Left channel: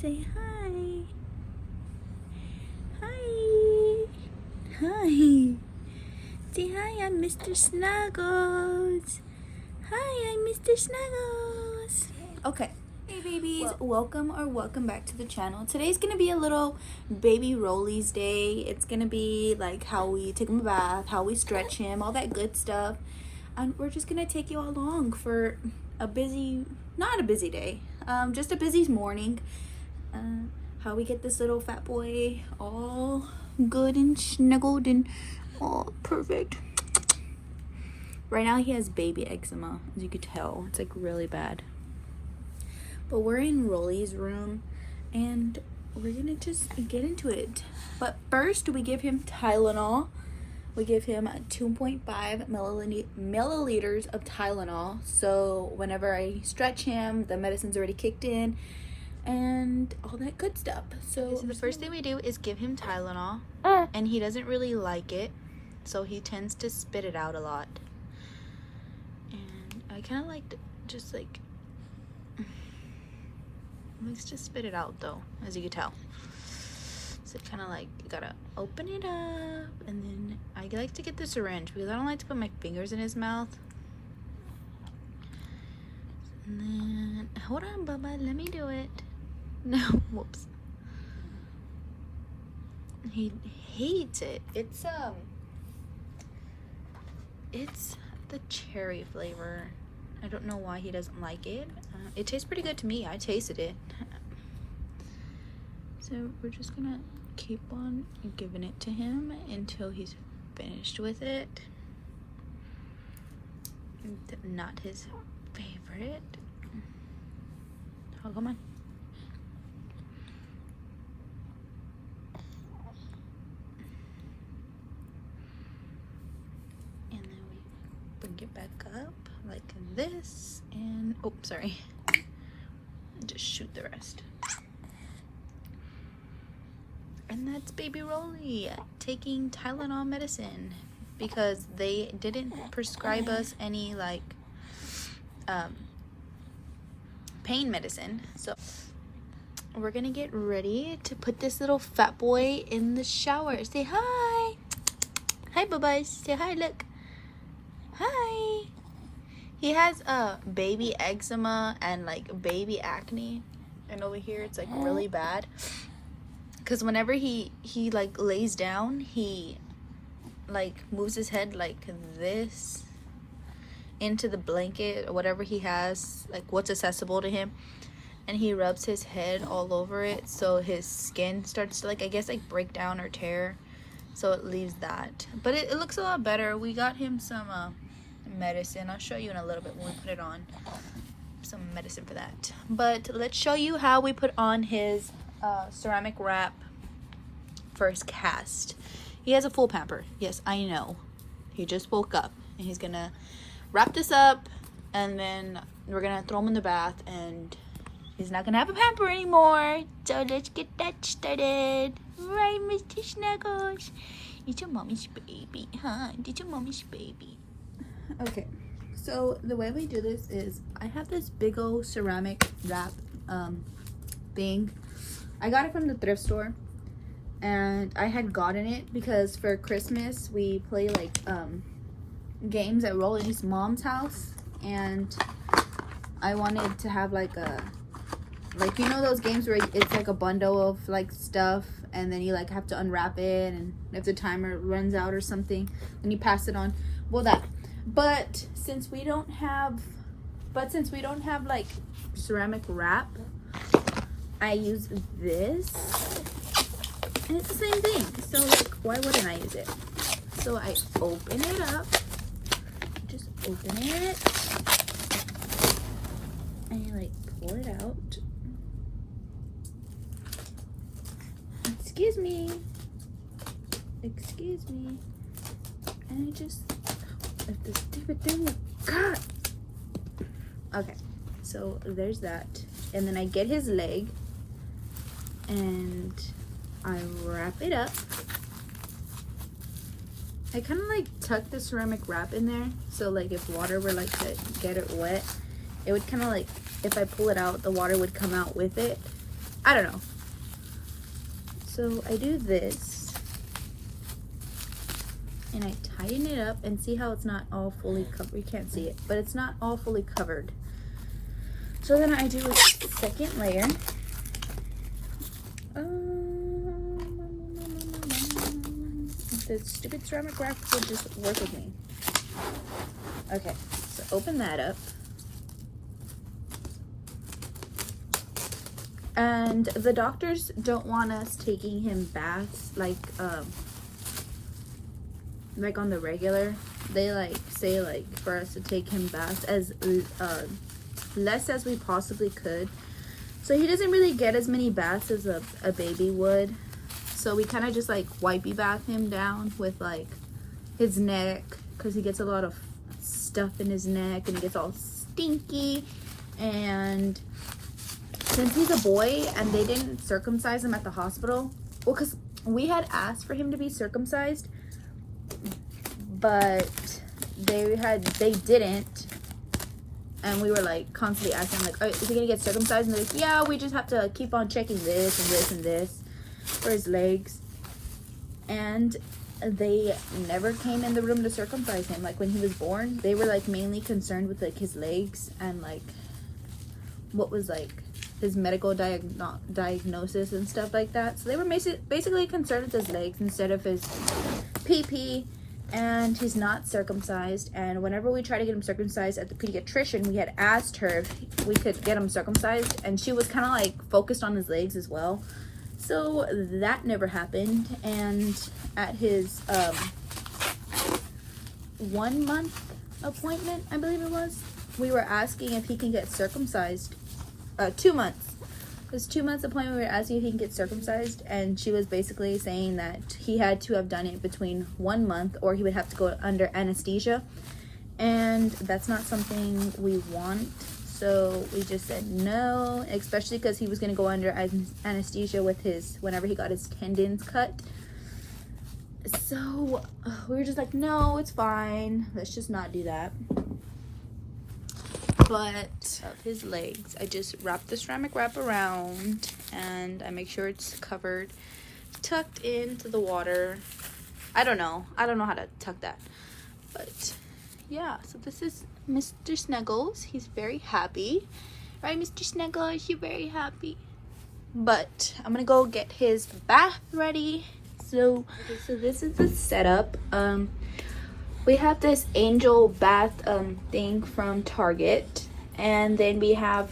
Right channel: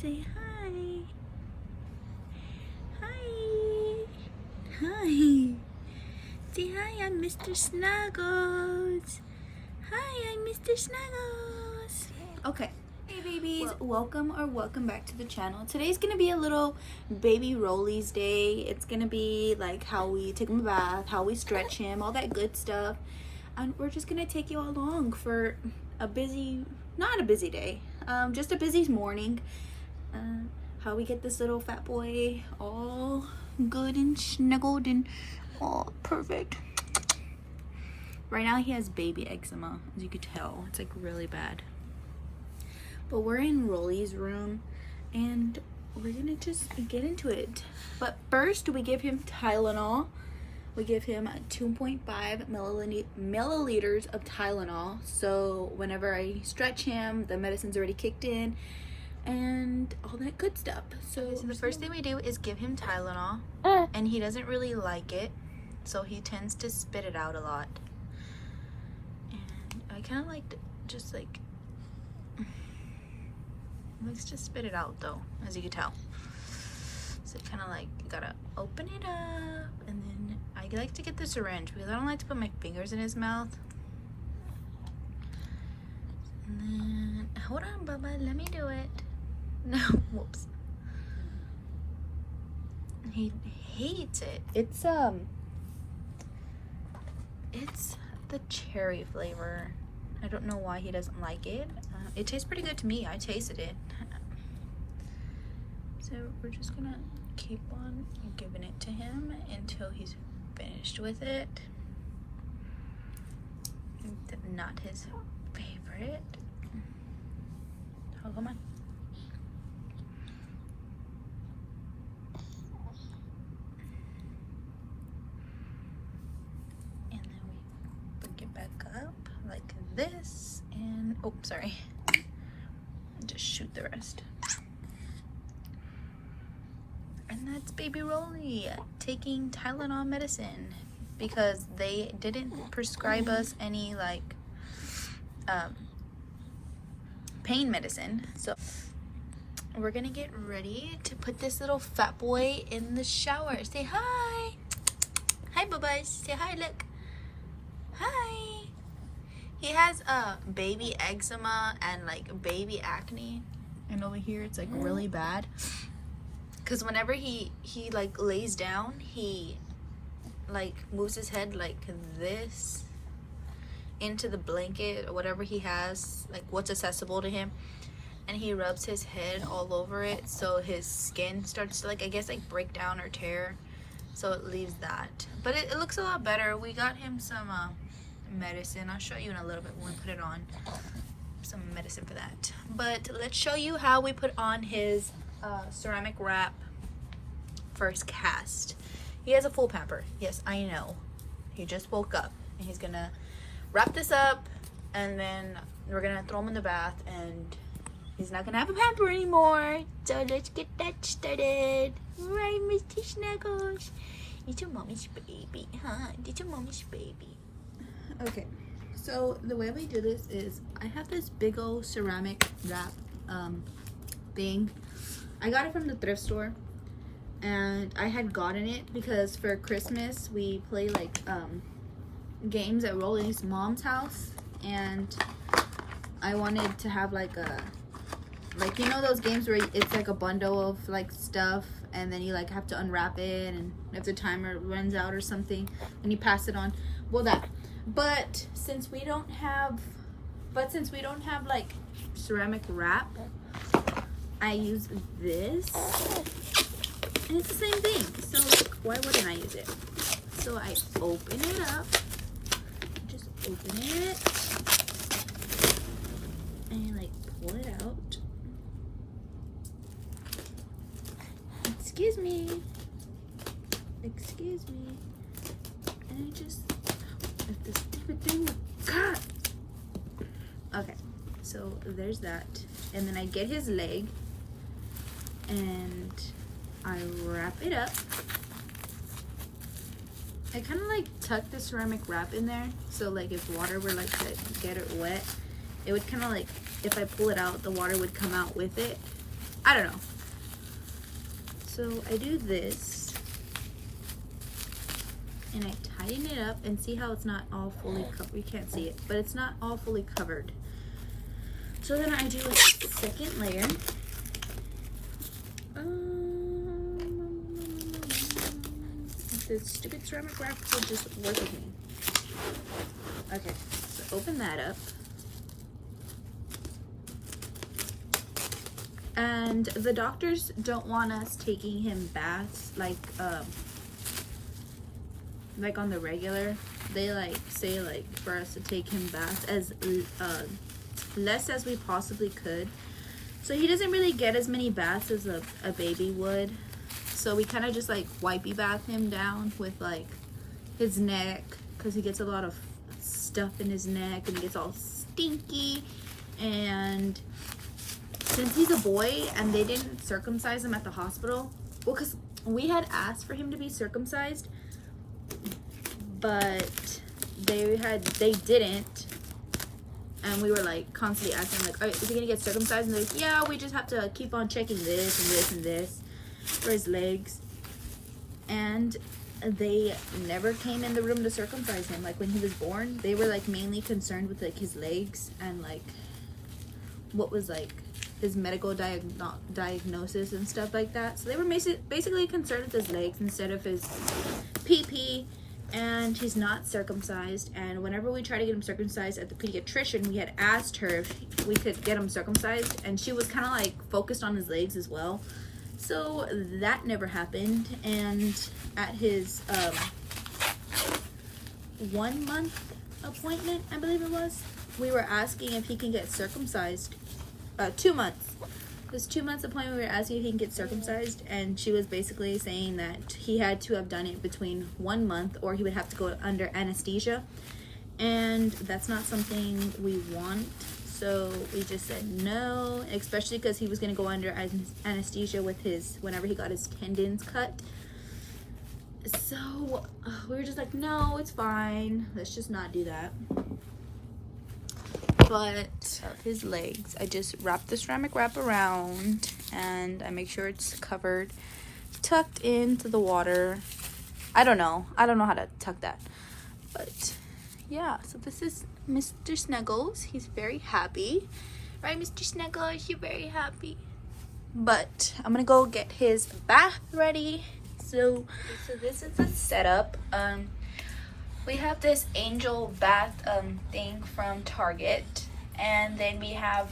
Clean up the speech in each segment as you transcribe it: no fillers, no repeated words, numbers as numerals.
Say hi. Hi. Hi. Say hi, I'm Mr. Snuggles. Hi, I'm Mr. Snuggles. Okay. Hey babies, welcome back to the channel. Today's gonna be a little baby Rollie's day. It's gonna be like how we take him a bath, how we stretch him, all that good stuff. And we're just gonna take you along for a busy, not a busy day, just a busy morning. How we get this little fat boy all good and snuggled and all perfect. Right now he has baby eczema, as you could tell. It's like really bad. But we're in Rollie's room and we're gonna just get into it. But first we give him Tylenol. We give him 2.5 milliliters of Tylenol. So whenever I stretch him, the medicine's already kicked in and all that good stuff. So the first thing we do is give him Tylenol, and he doesn't really like it, so he tends to spit it out a lot. And I kind of like to just like likes to spit it out though, as you can tell. So kind of like you gotta open it up, and then I like to get the syringe because I don't like to put my fingers in his mouth. And then hold on, Bubba, let me do it. No, whoops. He hates it. It's the cherry flavor. I don't know why he doesn't like it. It tastes pretty good to me. I tasted it. So we're just gonna keep on giving it to him until he's finished with it. Not his favorite. Oh, come on. And then we bring it back up like this, and oh, sorry. Just shoot the rest. And that's baby Rollie taking Tylenol medicine because they didn't prescribe us any like pain medicine. So we're gonna get ready to put this little fat boy in the shower. Say hi. Hi, Bubba. Say hi, look. Hi. He has baby eczema and like baby acne. And over here it's like really bad. Because whenever he like lays down, he like moves his head like this into the blanket or whatever he has, like what's accessible to him, and he rubs his head all over it, so his skin starts to like, I guess, like break down or tear, so it leaves that. But it looks a lot better. We got him some medicine. I'll show you in a little bit when we put it on, some medicine for that. But let's show you how we put on his ceramic wrap first cast. He has a full pamper. Yes, I know. He just woke up and he's gonna wrap this up, and then we're gonna throw him in the bath, and he's not gonna have a pamper anymore. So let's get that started. Right, Mr. Snuggles? It's your mommy's baby, huh? It's your mommy's baby. Okay, so the way we do this is I have this big old ceramic wrap thing. I got it from the thrift store, and I had gotten it because for Christmas we play like games at Rollie's mom's house, and I wanted to have like a, like, you know those games where it's like a bundle of like stuff, and then you like have to unwrap it, and if the timer runs out or something, then you pass it on. Well, that. But since we don't have like ceramic wrap, I use this, and it's the same thing. So like, why wouldn't I use it? So I open it up, just open it, and you like pull it out. Excuse me, and I just let this stupid thing cut. Okay, so there's that, and then I get his leg, and I wrap it up. I kind of like tuck the ceramic wrap in there, so like if water were like to get it wet, it would kind of like, if I pull it out, the water would come out with it. I don't know. So I do this and I tighten it up, and see how it's not all fully covered. You can't see it, but it's not all fully covered. So then I do a second layer. The stupid ceramic wrap will just work with me. Okay, so open that up. And the doctors don't want us taking him baths like on the regular. They like say like for us to take him baths as less as we possibly could. So he doesn't really get as many baths as a baby would. So we kind of just like wipey bath him down with like his neck, because he gets a lot of stuff in his neck and he gets all stinky. And since he's a boy and they didn't circumcise him at the hospital, well, because we had asked for him to be circumcised, but they didn't. And we were like constantly asking, like, is he gonna get circumcised? And they're like, yeah, we just have to keep on checking this and this and this for his legs. And they never came in the room to circumcise him. Like when he was born, they were like mainly concerned with like his legs and like what was like his medical diagnosis and stuff like that. So they were basically concerned with his legs instead of his pee. And he's not circumcised. And whenever we try to get him circumcised at the pediatrician, we had asked her if we could get him circumcised, and she was kind of like focused on his legs as well. So that never happened. And at his 1 month appointment, I believe it was, we were asking if he can get circumcised. 2 months. His 2 months appointment, we were asking if he can get circumcised, and she was basically saying that he had to have done it between 1 month or he would have to go under anesthesia, and that's not something we want. So we just said no, especially because he was going to go under anesthesia with whenever he got his tendons cut. So we were just like, no, it's fine, let's just not do that. But his legs, I just wrap the ceramic wrap around and I make sure it's covered, tucked into the water. I don't know how to tuck that, but yeah. So this is Mr. Snuggles. He's very happy, right, Mr. Snuggles? You're very happy. But I'm gonna go get his bath ready. So this is the setup. We have this angel bath thing from Target, and then we have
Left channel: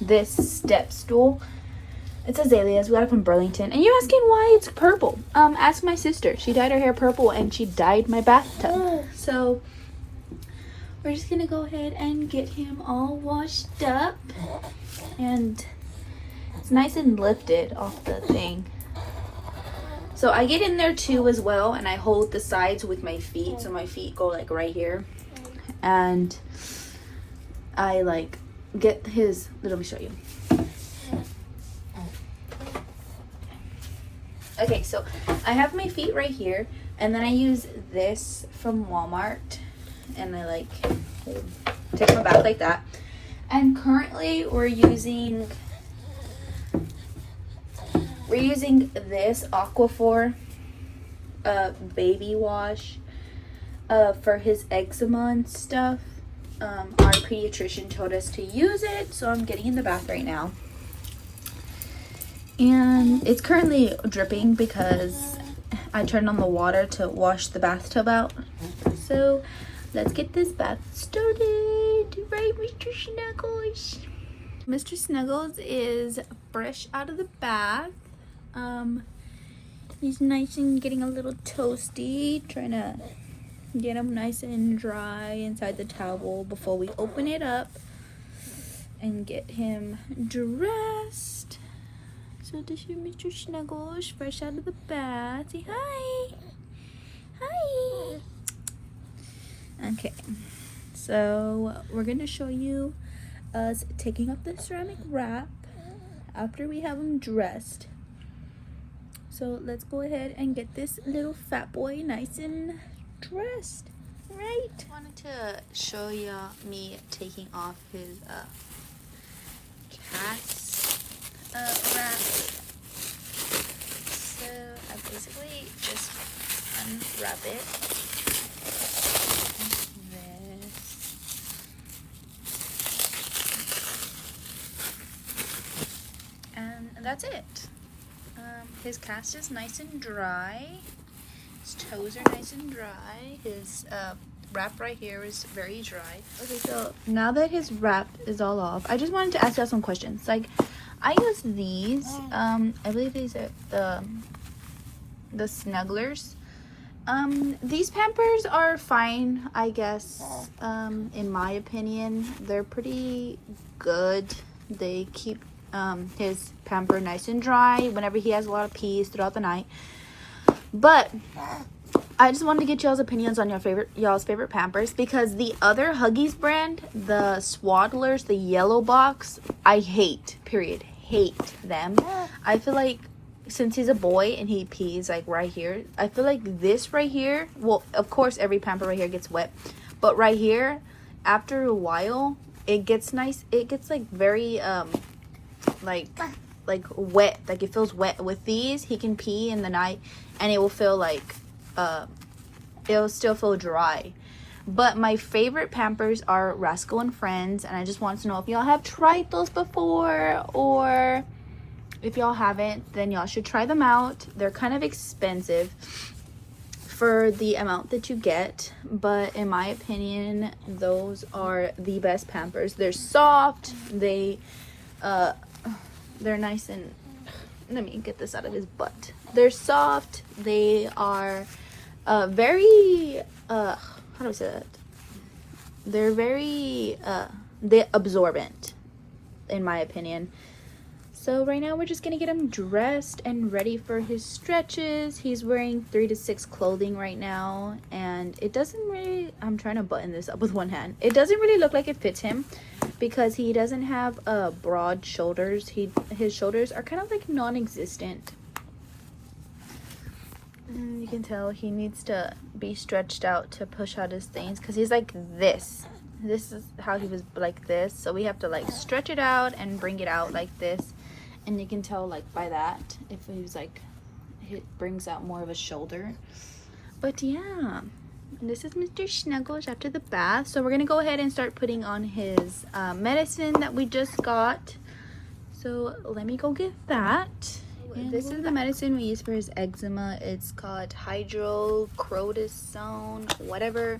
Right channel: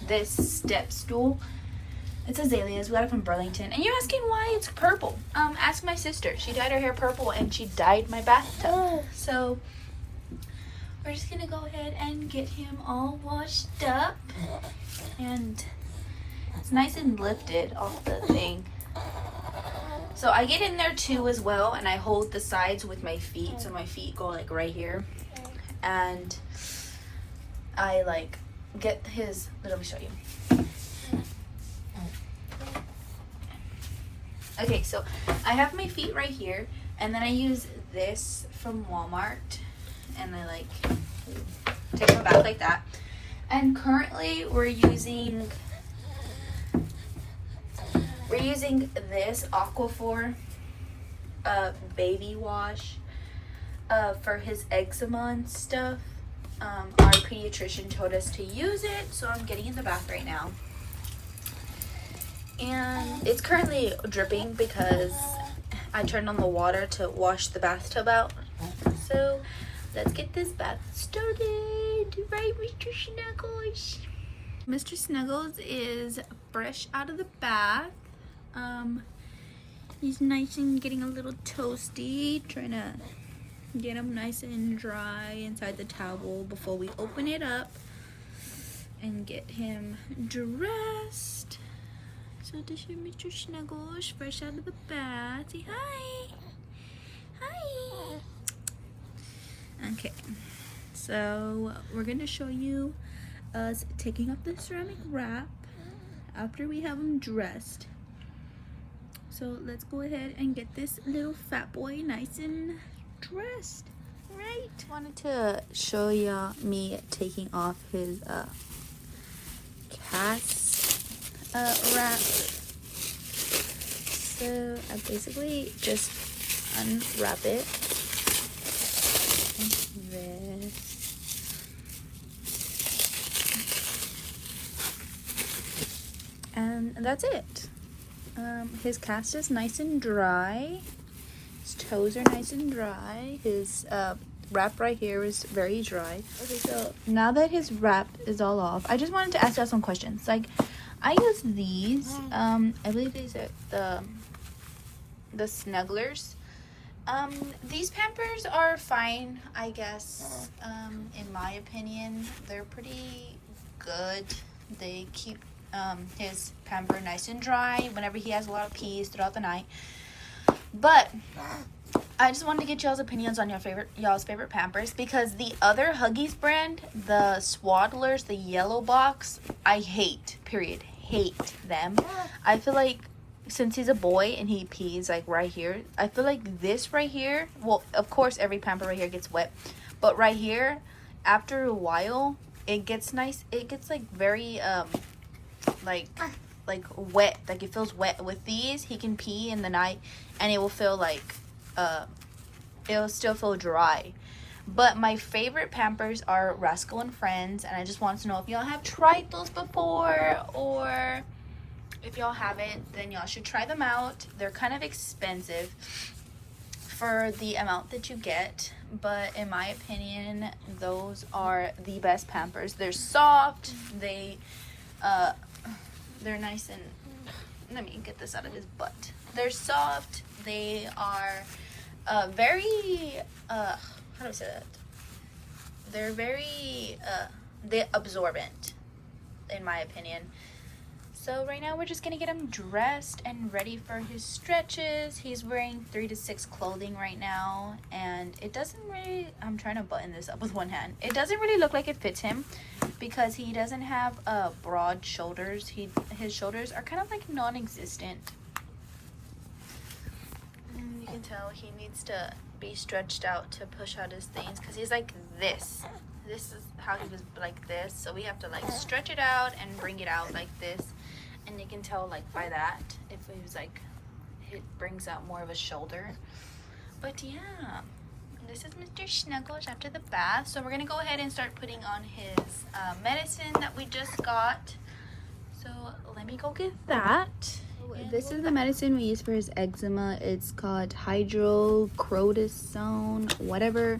this step stool. It's azaleas. We got it from Burlington. And you're asking why it's purple. Ask my sister. She dyed her hair purple and she dyed my bathtub. So we're just gonna go ahead and get him all washed up, and it's nice and lifted off the thing. So I get in there too as well, and I hold the sides with my feet, so my feet go like right here, and I like get his, let me show you. Okay, so I have my feet right here, and then I use this from Walmart, and I like take my bath like that. And currently we're using this Aquaphor baby wash for his eczema and stuff. Our pediatrician told us to use it, so I'm getting in the bath right now. And it's currently dripping because I turned on the water to wash the bathtub out. So let's get this bath started. Right, Mr. Snuggles? Mr. Snuggles is fresh out of the bath. He's nice and getting a little toasty, trying to get him nice and dry inside the towel before we open it up and get him dressed. So this is Mr. Snuggles, fresh out of the bath. Say hi. Hi. Okay, so we're gonna show you us taking off the ceramic wrap after we have him dressed. So let's go ahead and get this little fat boy nice and dressed, right? I wanted to show you me taking off his cast. wrapped. So I basically just unwrap it. And this. And that's it. His cast is nice and dry. His toes are nice and dry. His wrap right here is very dry. Okay, so now that his wrap is all off, I just wanted to ask you some questions. Like, I use these. I believe these are the Snugglers. These Pampers are fine, I guess. In my opinion, they're pretty good. They keep his pamper nice and dry whenever he has a lot of pees throughout the night. But I just wanted to get y'all's opinions on y'all's favorite Pampers, because the other Huggies brand, the Swaddlers, the yellow box, I hate. Period. Hate them. I feel like since he's a boy and he pees like right here, I feel like this right here, well, of course every Pamper right here gets wet, but right here, after a while, it gets nice. It gets like very like wet. Like it feels wet. With these, he can pee in the night and it will feel like it'll still feel dry. But my favorite Pampers are Rascal and Friends, and I just wanted to know if y'all have tried those before, or if y'all haven't, then y'all should try them out. They're kind of expensive for the amount that you get, but in my opinion, those are the best Pampers. They're soft, they're nice, and let me get this out of his butt. They're soft, they are very how do I say that? They're very they absorbent, in my opinion. So right now we're just gonna get him dressed and ready for his stretches. He's wearing 3 to 6 clothing right now, and it doesn't really, I'm trying to button this up with one hand. It doesn't really look like it fits him because he doesn't have broad shoulders. His shoulders are kind of like non-existent. And you can tell he needs to be stretched out to push out his things because he's like this. This is how he was, like this. So we have to like stretch it out and bring it out like this. And you can tell like by that if he was like, it brings out more of a shoulder. But yeah, this is Mr. Snuggles after the bath. So we're gonna go ahead and start putting on his medicine that we just got. So let me go get that. And this is the medicine we use for his eczema. It's called hydrocortisone, whatever.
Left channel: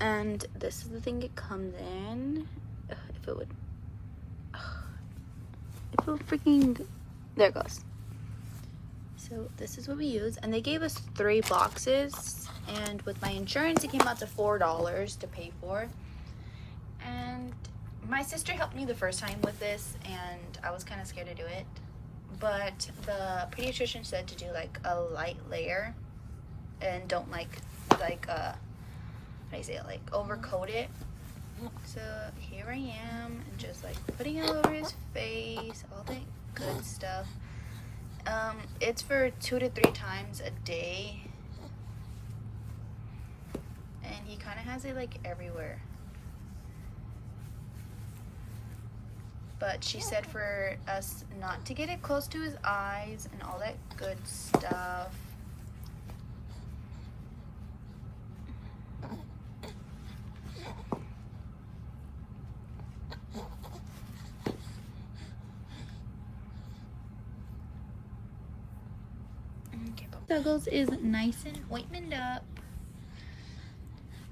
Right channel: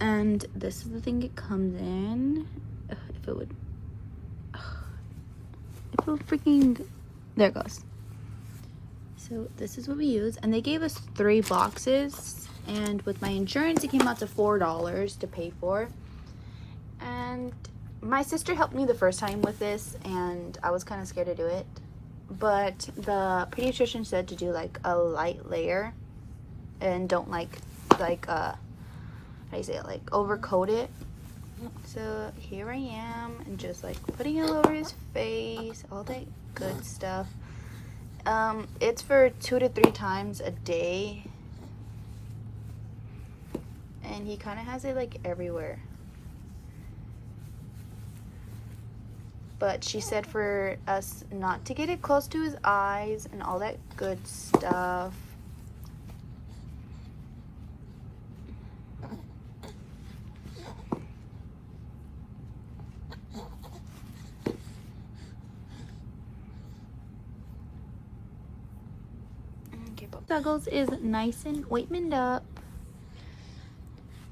And this is the thing it comes in. If it would freaking, there it goes. So this is what we use, and they gave us 3 boxes, and with my insurance it came out to $4 to pay for. And my sister helped me the first time with this, and I was kind of scared to do it, but the pediatrician said to do like a light layer and don't like how do you say it, like overcoat it. So here I am, and just like putting it all over his face, all that good stuff. It's for 2 to 3 times a day, and he kind of has it like everywhere. But she said for us not to get it close to his eyes and all that good stuff. Snuggles is nice and ointment up.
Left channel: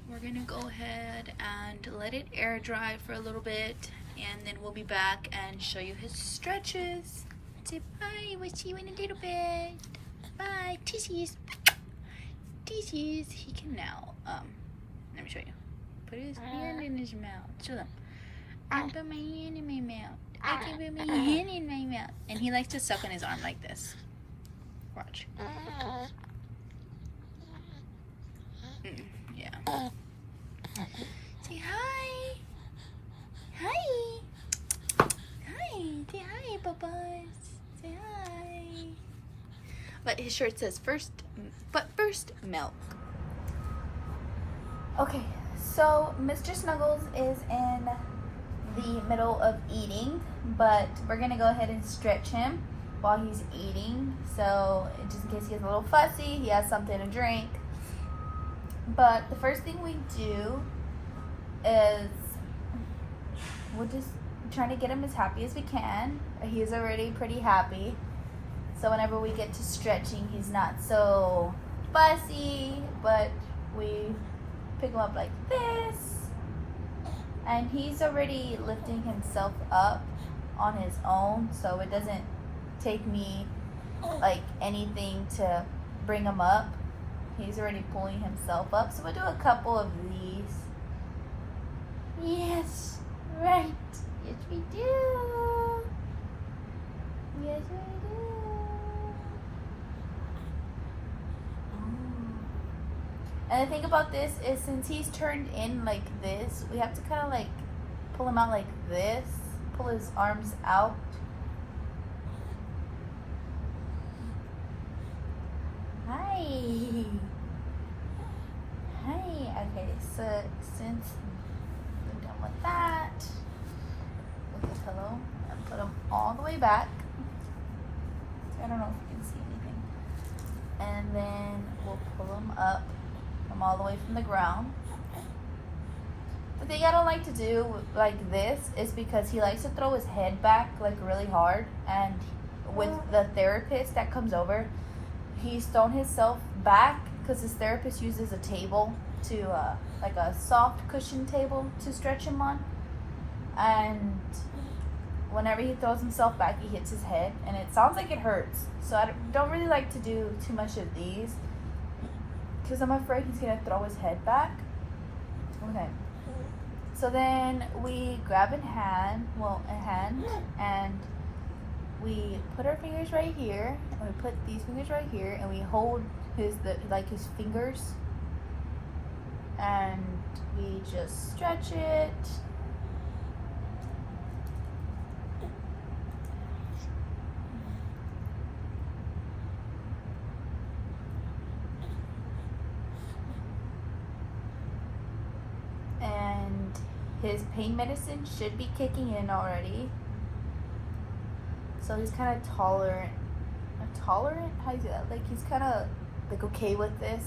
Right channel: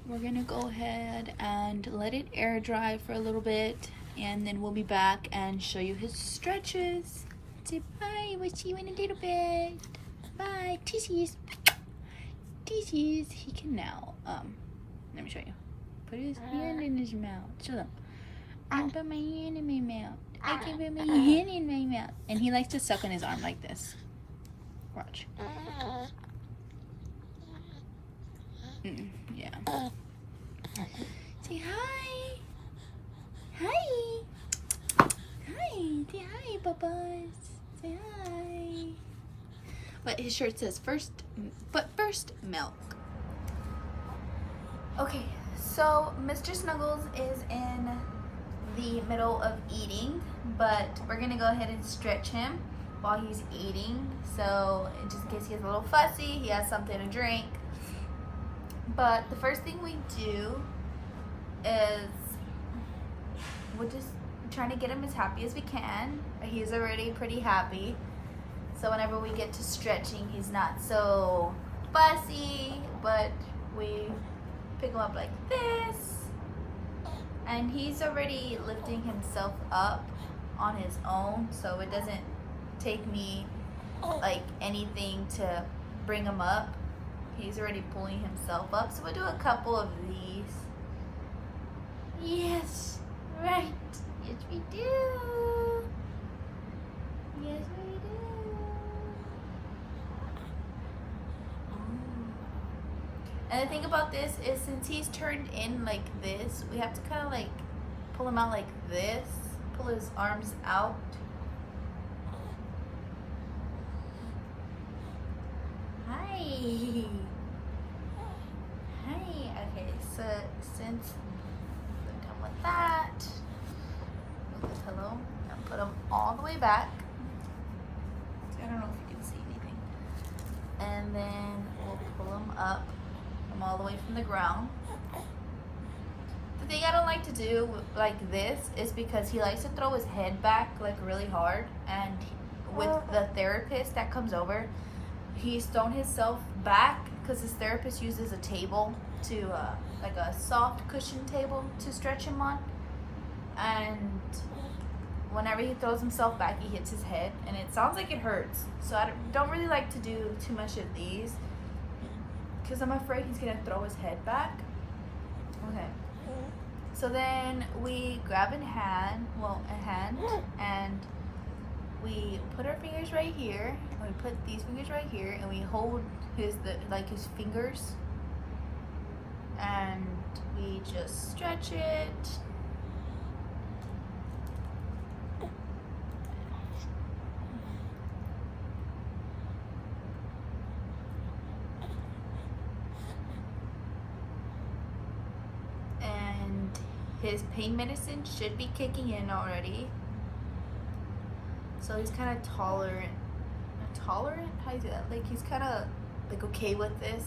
We're gonna go ahead and let it air dry for a little bit, and then we'll be back and show you his stretches. Say bye, we'll see you in a little bit. Bye, tissues. Tissues. He can now, let me show you. Put his hand in his mouth. Show them. I put my hand in my mouth. I can put my hand in my mouth. And he likes to suck on his arm like this. Watch. Yeah. Say hi. Hi. Hi. Say hi, Bubba's. Say hi. But his shirt says first milk. Okay, so Mr. Snuggles is in the middle of eating, but we're gonna go ahead and stretch him while he's eating, so just in case he gets a little fussy, he has something to drink. But the first thing we do is we're just trying to get him as happy as we can. He's already pretty happy, so whenever we get to stretching, he's not so fussy, but we pick him up like this, and he's already lifting himself up on his own, so it doesn't take me like anything to bring him up. He's already pulling himself up, so we'll do a couple of these. Yes, right. Yes, we do. Yes, we do. And the thing about this is, since he's turned in like this, we have to kind of like pull him out like this, pull his arms out. Hi. Hi. Okay, so since we're done with that, with the pillow and put him all the way back. I don't know if you can see anything. And then we'll pull him up from all the way from the ground. The thing I don't like to do like this is because he likes to throw his head back like really hard, and with the therapist that comes over, he's thrown himself back because his therapist uses a table to like a soft cushion table to stretch him on, and whenever he throws himself back, he hits his head and it sounds like it hurts. So I don't really like to do too much of these because I'm afraid he's gonna throw his head back. Okay, so then we grab a hand, and we put our fingers right here, and we put these fingers right here, and we hold his fingers, and we just stretch it. And his pain medicine should be kicking in already. So he's kind of tolerant. Tolerant? How do you say that? Like he's kind of like okay with this.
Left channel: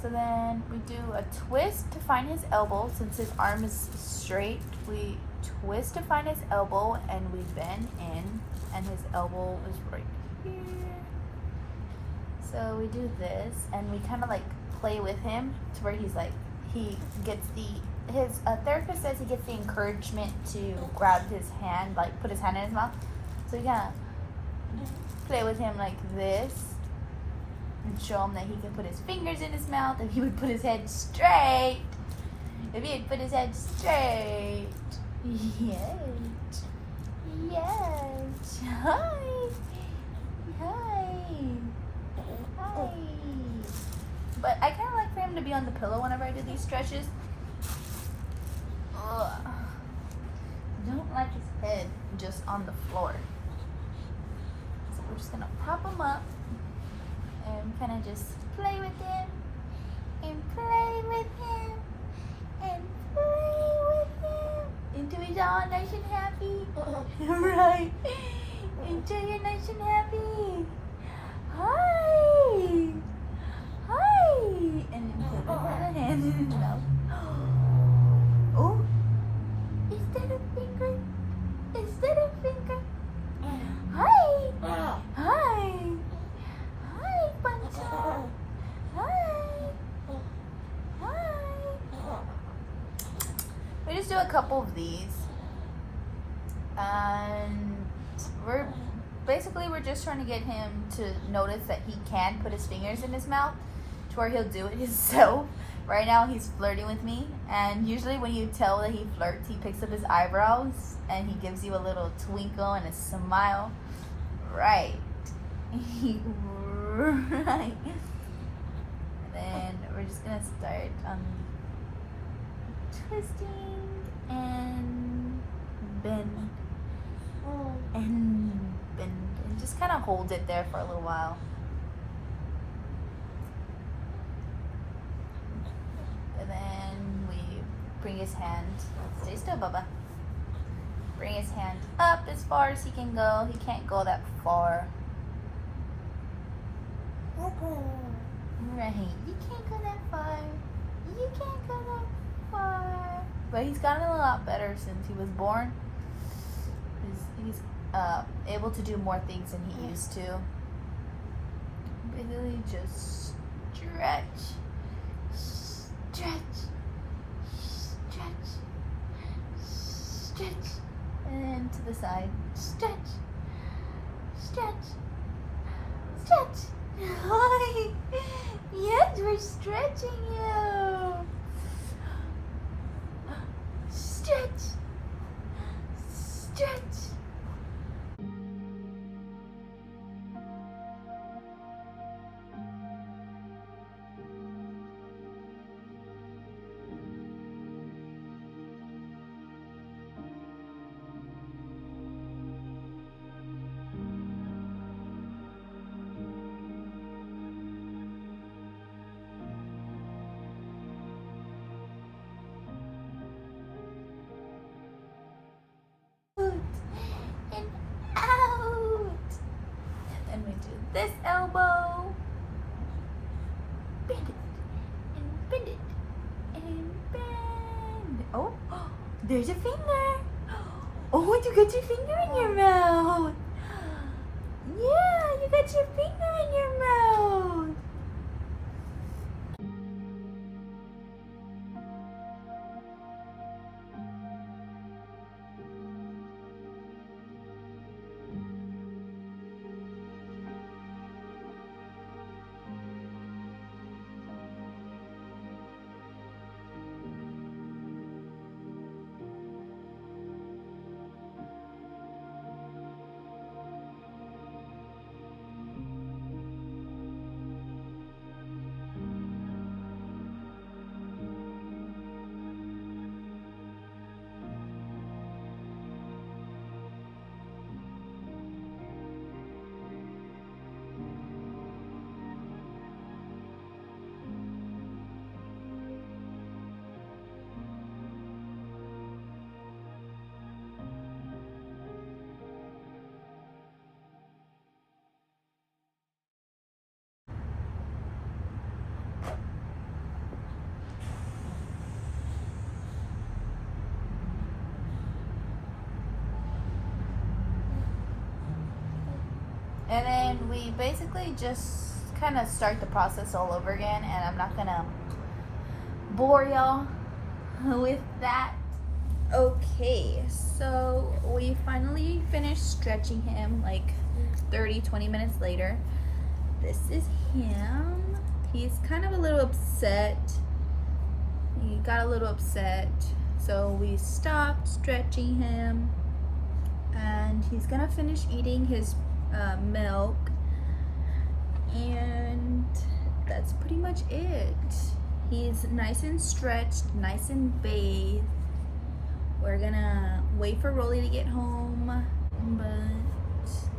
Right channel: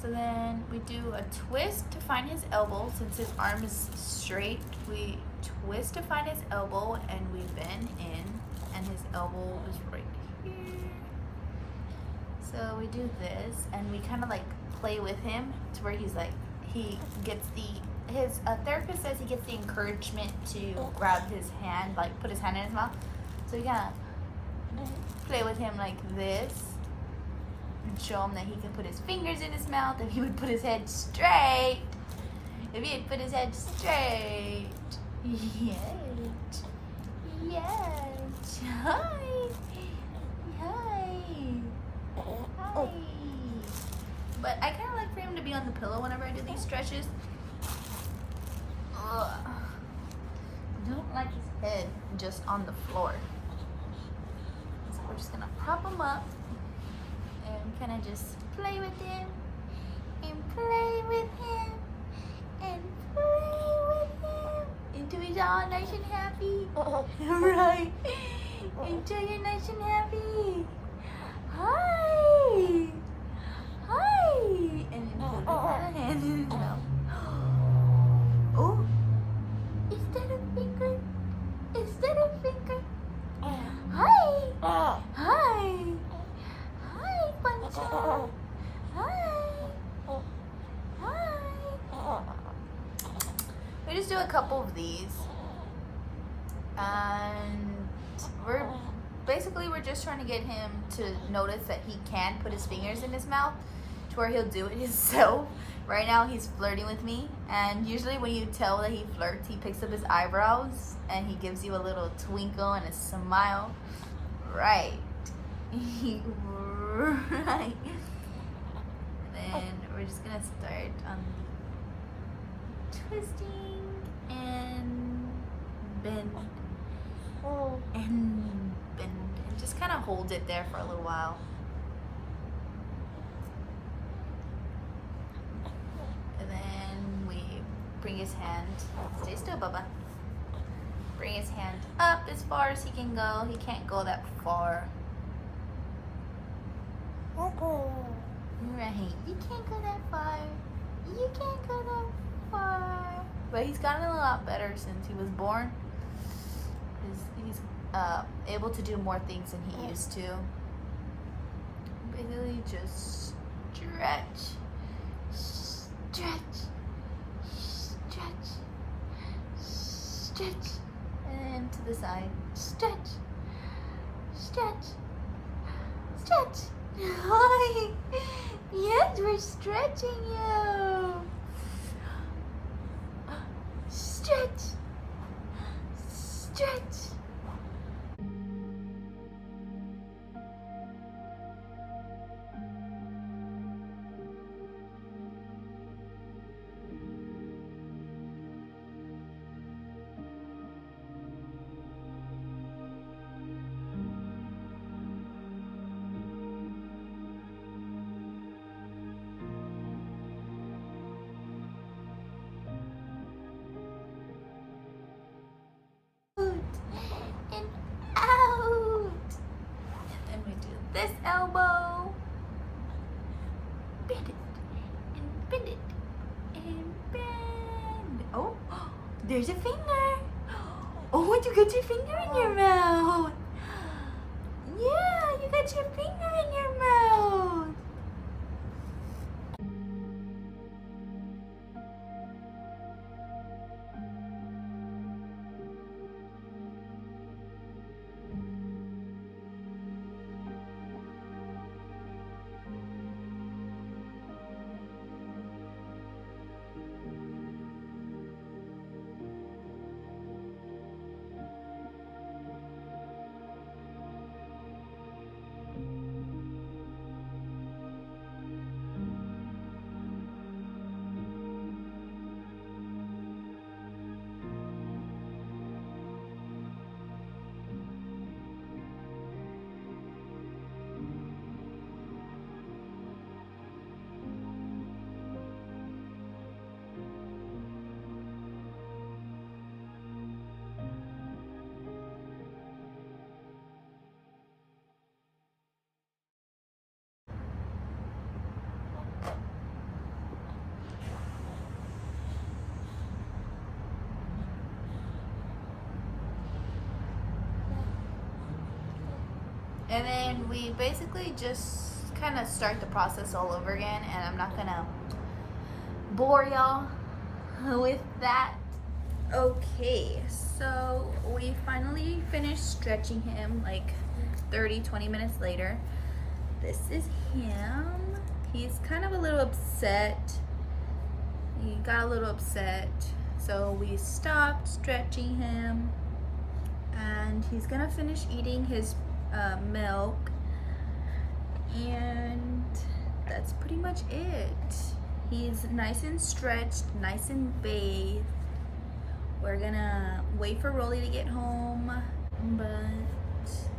So then we do a twist to find his elbow. Since his arm is straight, we twist to find his elbow, and we bend in, and his elbow is right here. So we do this, and we kind of like play with him to where he's like, he gets his therapist says he gets the encouragement to grab his hand, like put his hand in his mouth. So we kind of play with him like this and show him that he can put his fingers in his mouth if he would put his head straight. If he would put his head straight. Yes. Yes. Hi. Hi. Hi. But I kind of like for him to be on the pillow whenever I do these stretches. Ugh. I don't like his head just on the floor. So we're just gonna prop him up and kind of just play with him and play with him and play with him until he's all nice and happy. Right? Until you're nice and happy. Hi. Hi. And then put another hand in his mouth. Oh, is that a finger? Is that a finger? Hi. Hi. Hi, Pancho. Hi. Hi. We just do a couple of these. And we're just trying to get him to notice that he can put his fingers in his mouth to where he'll do it himself. Right now he's flirting with me, and usually when you tell that he flirts, he picks up his eyebrows and he gives you a little twinkle and a smile. Right. Right. And then we're just gonna start on twisting and bend and bend, and just kind of hold it there for a little while. And then we bring his hand, stay still, Bubba. Bring his hand up as far as he can go. He can't go that far. Right, you can't go that far. You can't go that far. But he's gotten a lot better since he was born. He's able to do more things than he used to. Basically just stretch, stretch, stretch, stretch, and to the side, stretch, stretch, stretch. Hi. Yes, we're stretching you. Stretch, stretch. And out. And then we do this elbow. Bend it. And bend it. And bend. Oh, there's a finger. Oh, you got your finger in your mouth. Yeah, you got your finger in your mouth. And then we basically just kind of start the process all over again, and I'm not gonna bore y'all with that. Okay, so we finally finished stretching him like 30-20 minutes later. This is him. He's kind of a little upset. He got a little upset, so we stopped stretching him, and he's gonna finish eating his milk, and that's pretty much it. He's nice and stretched, nice and bathed. We're gonna wait for Rollie to get home, but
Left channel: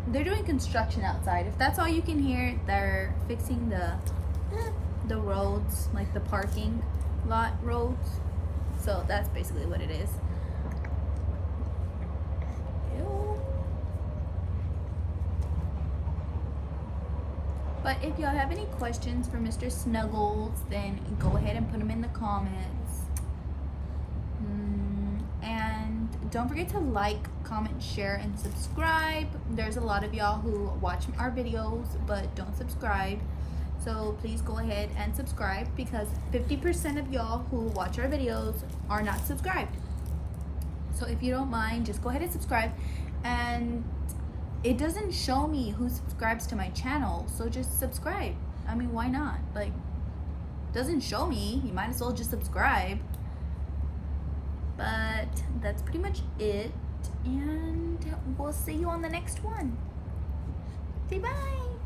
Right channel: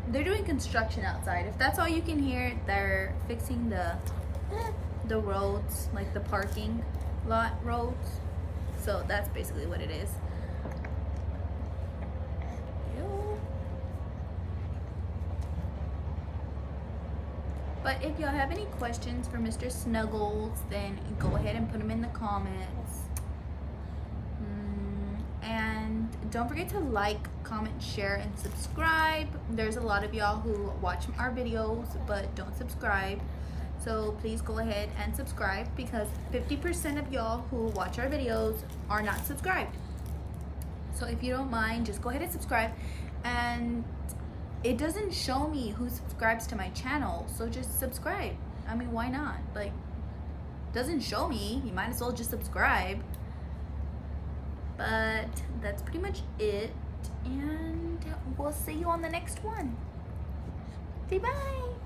they're doing construction outside. If that's all you can hear, they're fixing the roads, like the parking lot roads. So that's basically what it is. But if y'all have any questions for Mr. Snuggles, then go ahead and put them in the comments. And don't forget to like, comment, share, and subscribe. There's a lot of y'all who watch our videos but don't subscribe. So please go ahead and subscribe, because 50% of y'all who watch our videos are not subscribed. So if you don't mind, just go ahead and subscribe. And it doesn't show me who subscribes to my channel, so just subscribe. I mean, why not? Like, it doesn't show me, you might as well just subscribe. But that's pretty much it, and we'll see you on the next one. Say bye.